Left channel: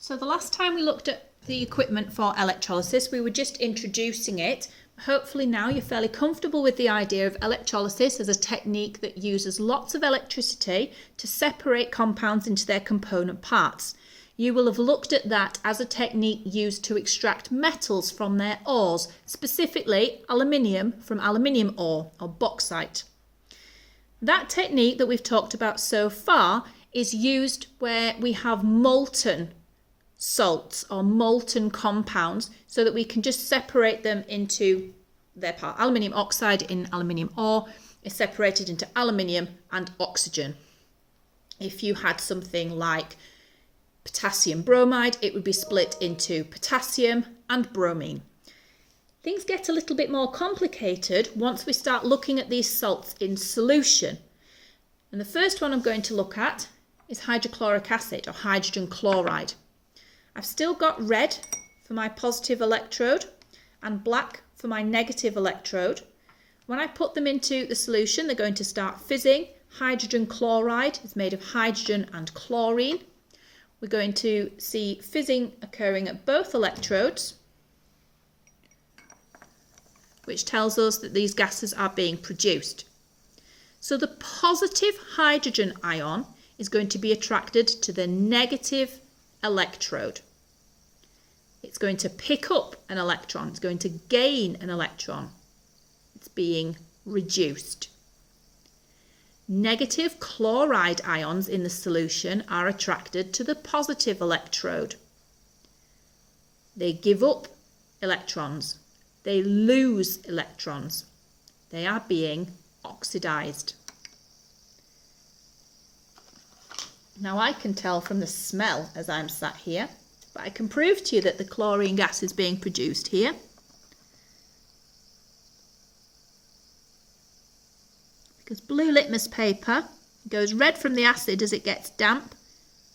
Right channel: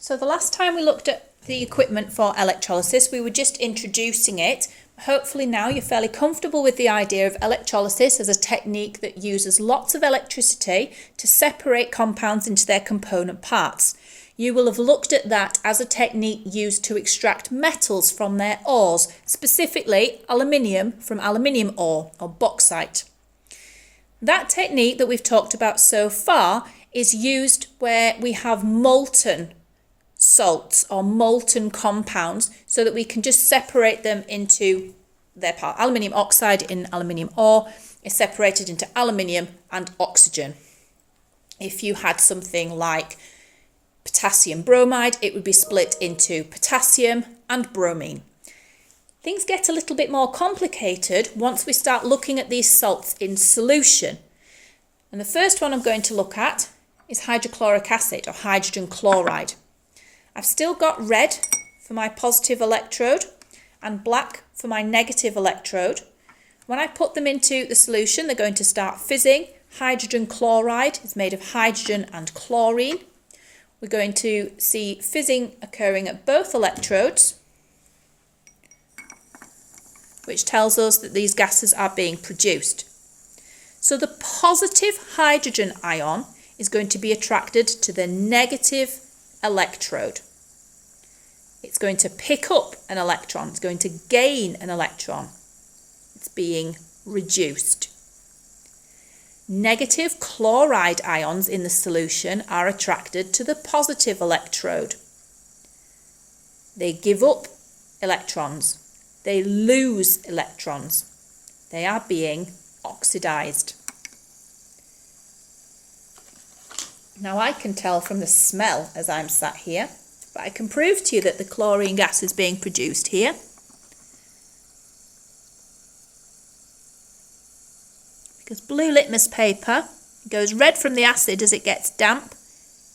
So the last time we looked at the equipment for electrolysis, we were just introducing it. Hopefully now you're fairly comfortable with the idea of electrolysis as a technique that uses lots of electricity to separate compounds into their component parts. You will have looked at that as a technique used to extract metals from their ores, specifically aluminium from aluminium ore or bauxite. That technique that we've talked about so far is used where we have molten salts or molten compounds so that we can just separate them into their part. Aluminium oxide in aluminium ore is separated into aluminium and oxygen. If you had something like potassium bromide, it would be split into potassium and bromine. Things get a little bit more complicated once we start looking at these salts in solution. And the first one I'm going to look at is hydrochloric acid or hydrogen chloride. I've still got red for my positive electrode and black for my negative electrode. When I put them into the solution, they're going to start fizzing. Hydrogen chloride is made of hydrogen and chlorine. We're going to see fizzing occurring at both electrodes, which tells us that these gases are being produced. So the positive hydrogen ion is going to be attracted to the negative electrode. It's going to pick up an electron. It's going to gain an electron. It's being reduced. Negative chloride ions in the solution are attracted to the positive electrode. They give up electrons. They lose electrons. They are being oxidized. Now I can tell from the smell as I'm sat here, but I can prove to you that the chlorine gas is being produced here. Because blue litmus paper goes red from the acid as it gets damp,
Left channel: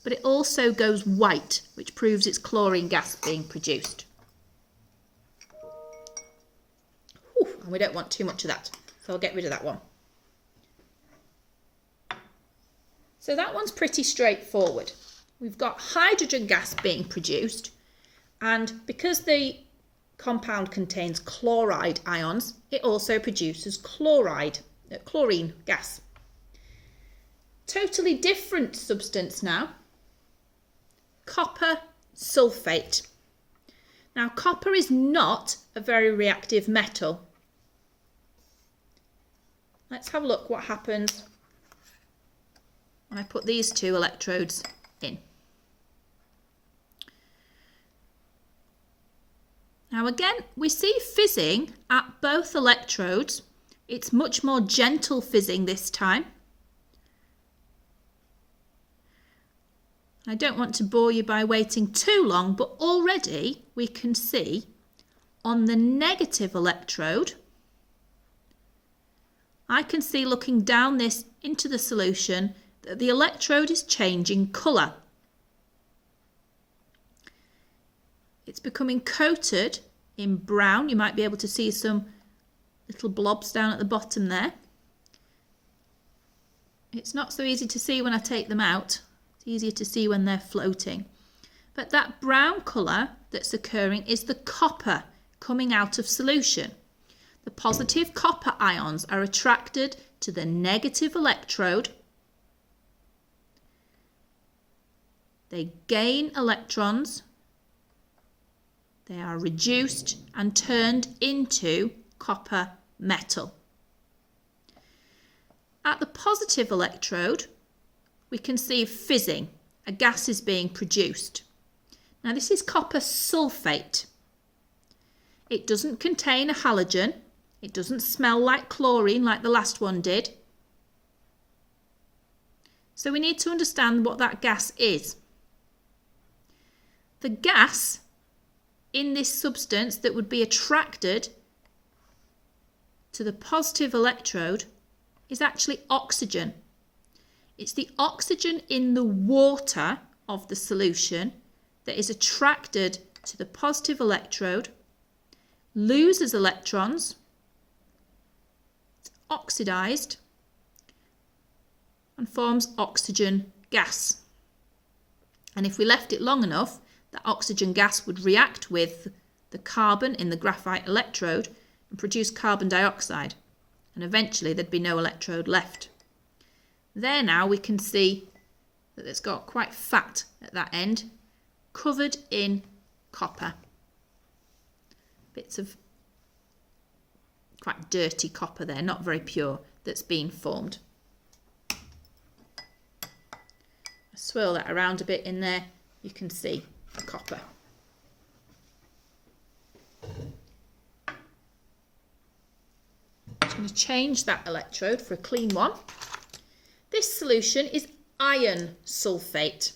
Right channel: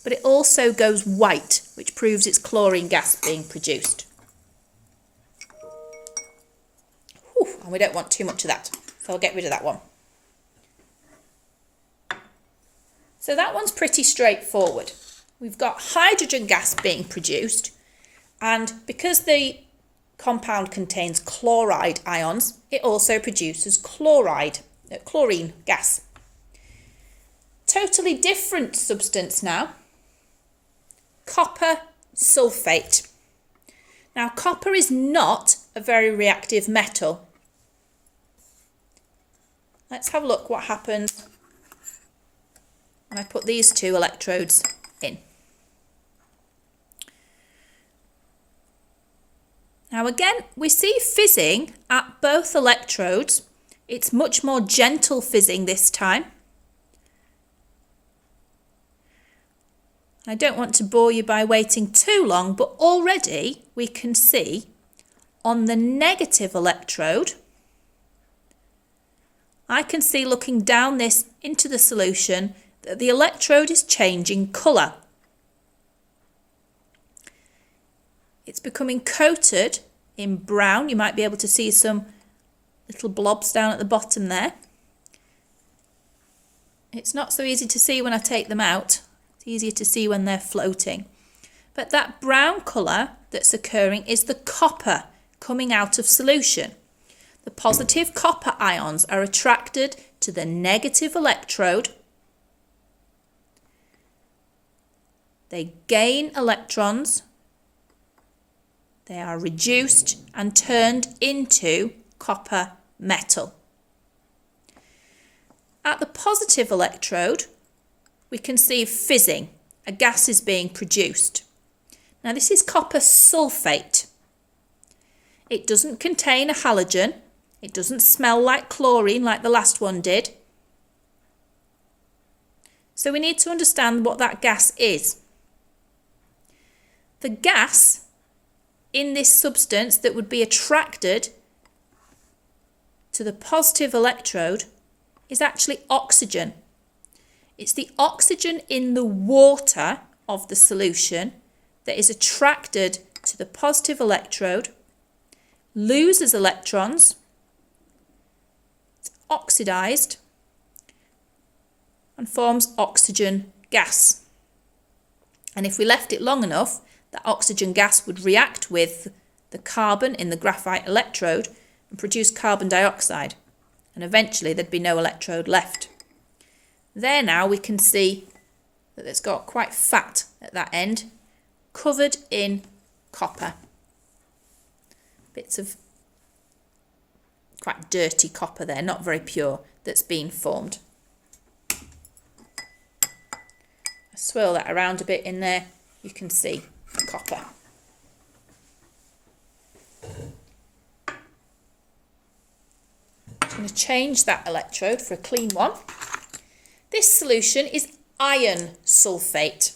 but it also goes white, which proves it's chlorine gas being produced. Whew, and we don't want too much of that, so I'll get rid of that one. So that one's pretty straightforward. We've got hydrogen gas being produced, and because the compound contains chloride ions, it also produces chlorine gas. Totally different substance now. Copper sulfate. Now, copper is not a very reactive metal. Let's have a look what happens when I put these two electrodes in. Now again, we see fizzing at both electrodes. It's much more gentle fizzing this time. I don't want to bore you by waiting too long, but already we can see on the negative electrode, I can see looking down this into the solution that the electrode is changing colour. It's becoming coated in brown. You might be able to see some little blobs down at the bottom there. It's not so easy to see when I take them out. It's easier to see when they're floating. But that brown colour that's occurring is the copper coming out of solution. The positive copper ions are attracted to the negative electrode. They gain electrons. They are reduced and turned into copper metal. At the positive electrode, we can see fizzing. A gas is being produced. Now this is copper sulfate. It doesn't contain a halogen. It doesn't smell like chlorine like the last one did. So we need to understand what that gas is. The gas in this substance that would be attracted to the positive electrode is actually oxygen. It's the oxygen in the water of the solution that is attracted to the positive electrode, loses electrons, it's oxidized, and forms oxygen gas. And if we left it long enough, that oxygen gas would react with the carbon in the graphite electrode and produce carbon dioxide. And eventually there'd be no electrode left. There now we can see that it's got quite fat at that end, covered in copper. Bits of quite dirty copper there, not very pure, that's been formed. Swirl that around a bit in there, you can see the copper. I'm going to change that electrode for a clean one. This solution is iron sulfate.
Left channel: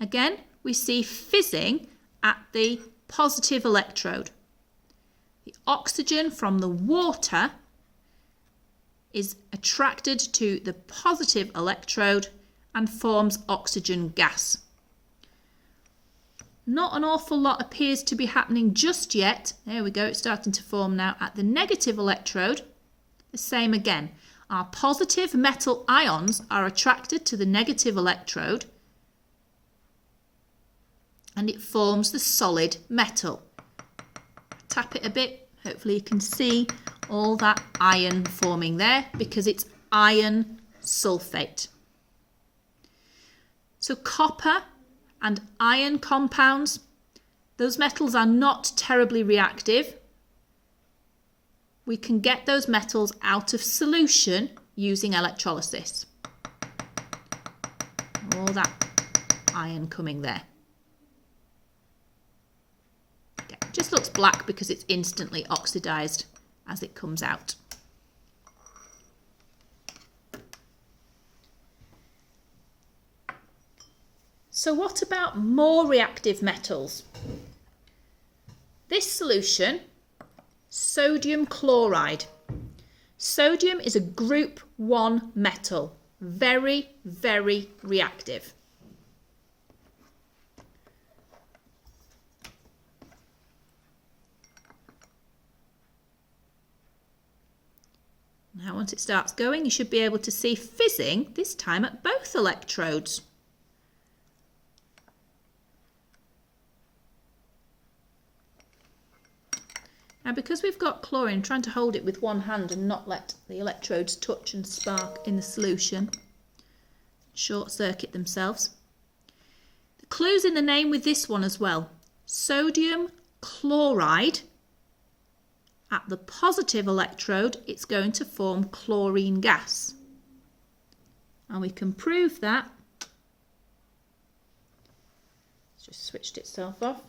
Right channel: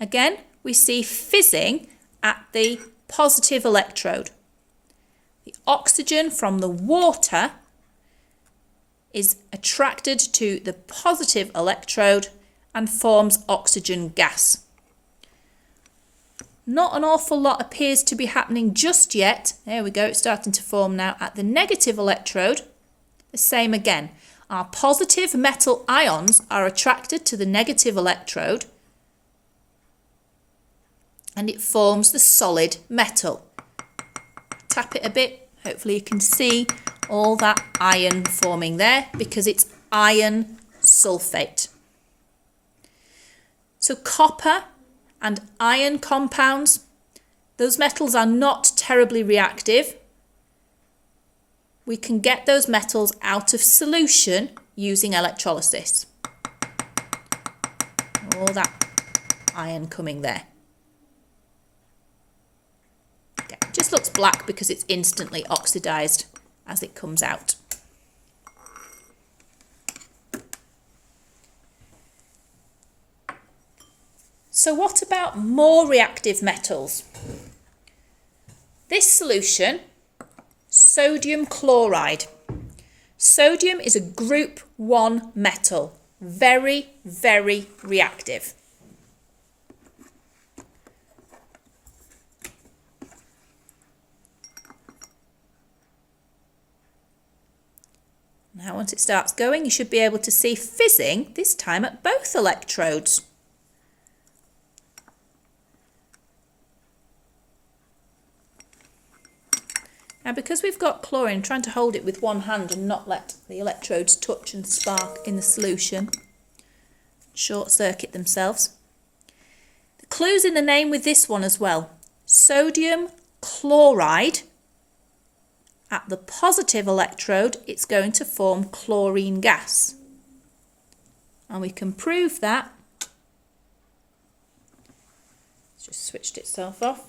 Again, we see fizzing at the positive electrode. The oxygen from the water is attracted to the positive electrode and forms oxygen gas. Not an awful lot appears to be happening just yet. There we go, it's starting to form now at the negative electrode. The same again. Our positive metal ions are attracted to the negative electrode and it forms the solid metal. Tap it a bit, hopefully you can see all that iron forming there because it's iron sulfate. So copper and iron compounds, those metals are not terribly reactive. We can get those metals out of solution using electrolysis. All that iron coming there. Okay, it just looks black because it's instantly oxidized as it comes out. So what about more reactive metals? This solution, sodium chloride. Sodium is a group 1 metal, very, very reactive. Now once it starts going, you should be able to see fizzing, this time at both electrodes. Now because we've got chlorine, trying to hold it with one hand and not let the electrodes touch and spark in the solution, short circuit themselves. The clue's in the name with this one as well. Sodium chloride. At the positive electrode, it's going to form chlorine gas. And we can prove that. It's just switched itself off.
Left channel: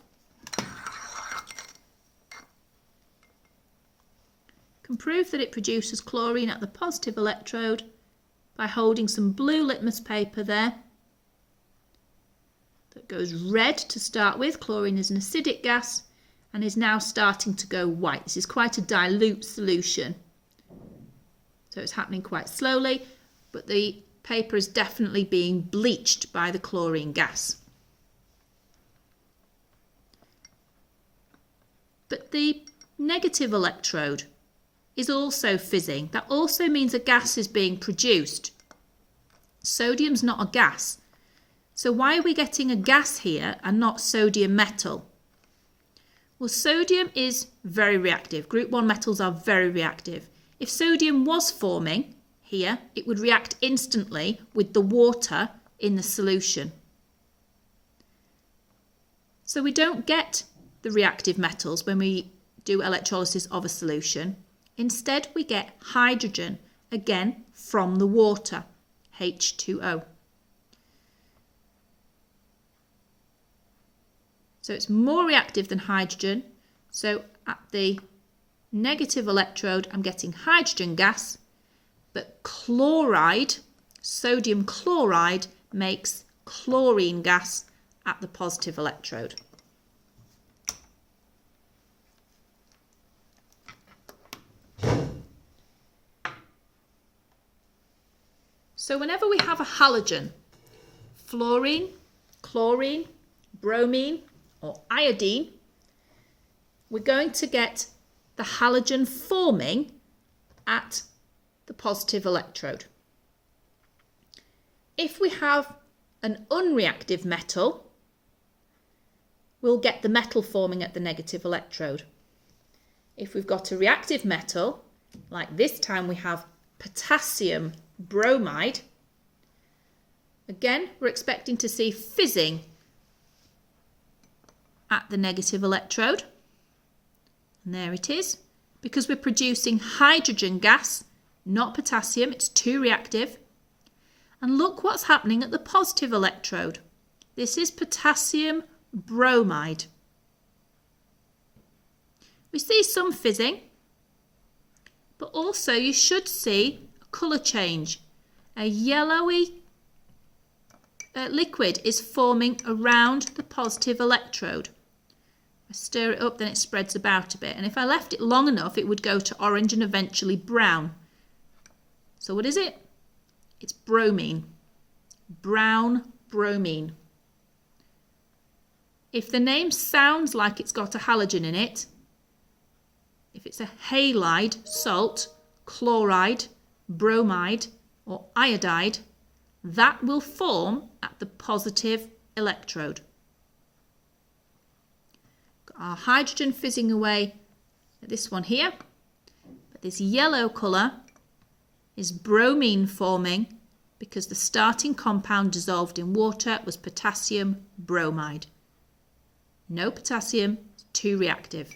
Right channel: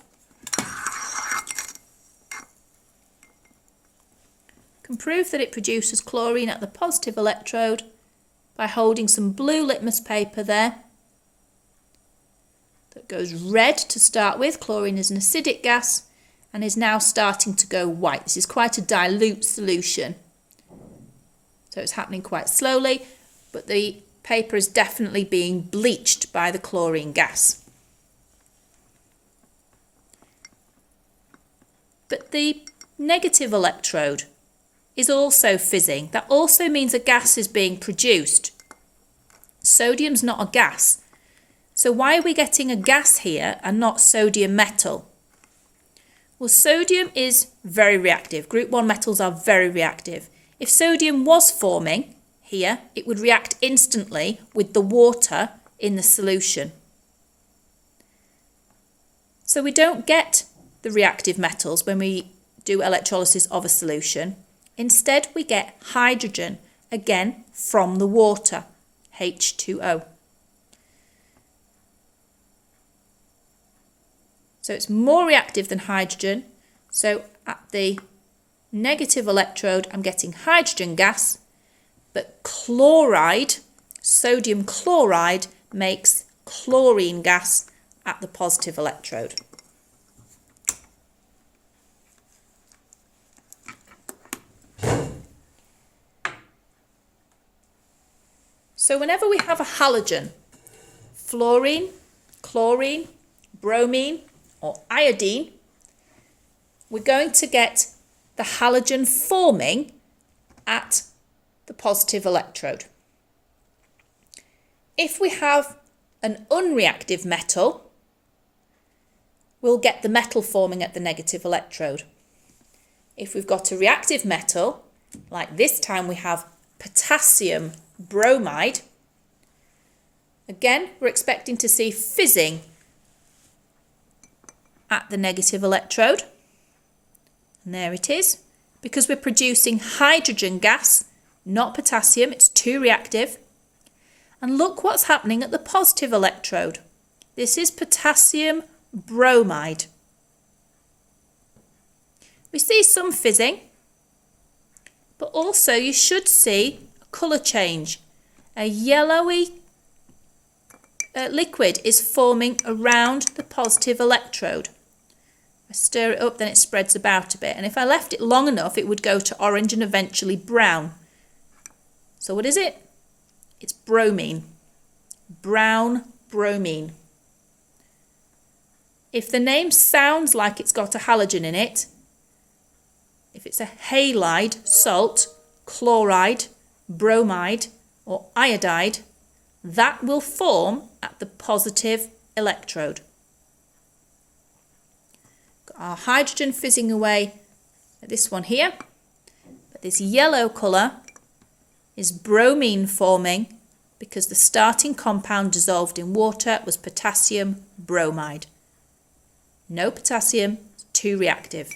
Can prove that it produces chlorine at the positive electrode by holding some blue litmus paper there that goes red to start with. Chlorine is an acidic gas and is now starting to go white. This is quite a dilute solution, so it's happening quite slowly, but the paper is definitely being bleached by the chlorine gas. But the negative electrode is also fizzing. That also means a gas is being produced. Sodium's not a gas. So why are we getting a gas here and not sodium metal? Well, sodium is very reactive. Group 1 metals are very reactive. If sodium was forming here, it would react instantly with the water in the solution. So we don't get the reactive metals when we do electrolysis of a solution. Instead, we get hydrogen, again, from the water, H2O. So it's more reactive than hydrogen. So at the negative electrode, I'm getting hydrogen gas, but chloride, sodium chloride, makes chlorine gas at the positive electrode. So whenever we have a halogen, fluorine, chlorine, bromine, or iodine, we're going to get the halogen forming at the positive electrode. If we have an unreactive metal, we'll get the metal forming at the negative electrode. If we've got a reactive metal, like this time we have potassium bromide, again, we're expecting to see fizzing at the negative electrode. And there it is. Because we're producing hydrogen gas, not potassium, it's too reactive. And look what's happening at the positive electrode. This is potassium bromide. We see some fizzing, but also you should see a colour change. A yellowy liquid is forming around the positive electrode. I stir it up, then it spreads about a bit. And if I left it long enough, it would go to orange and eventually brown. So what is it? It's bromine. Brown bromine. If the name sounds like it's got a halogen in it, if it's a halide, salt, chloride, bromide, or iodide, that will form at the positive electrode. Got our hydrogen fizzing away at this one here, but this yellow colour is bromine forming because the starting compound dissolved in water was potassium bromide. No potassium, too reactive.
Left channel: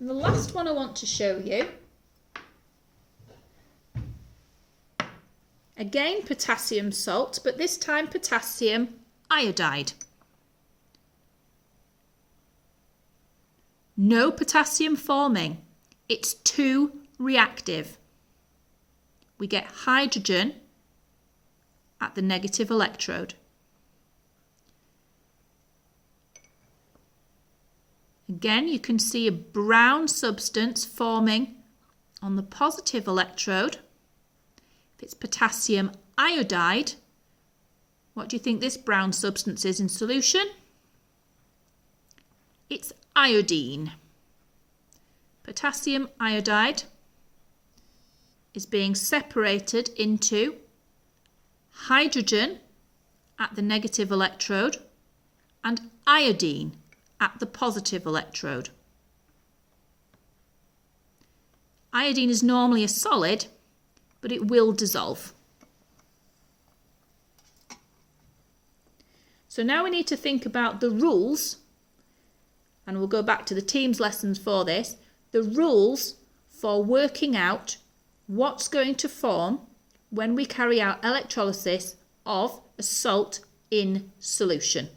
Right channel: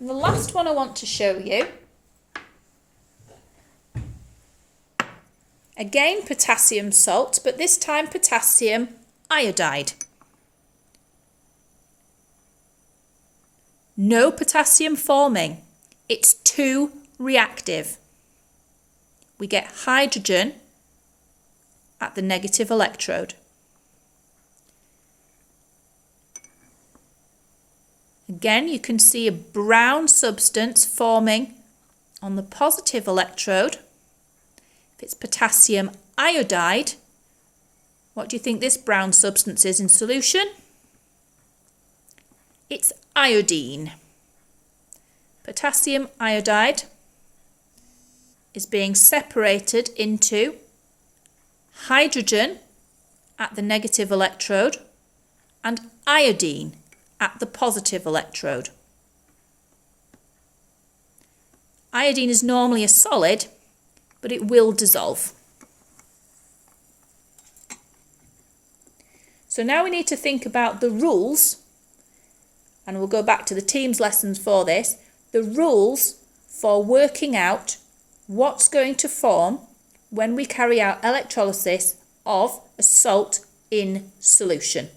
And the last one I want to show you, again potassium salt, but this time potassium iodide. No potassium forming, it's too reactive. We get hydrogen at the negative electrode. Again, you can see a brown substance forming on the positive electrode. If it's potassium iodide, what do you think this brown substance is in solution? It's iodine. Potassium iodide is being separated into hydrogen at the negative electrode and iodine at the positive electrode. Iodine is normally a solid, but it will dissolve. So now we need to think about the rules, and we'll go back to the Teams lessons for this, the rules for working out what's going to form when we carry out electrolysis of a salt in solution.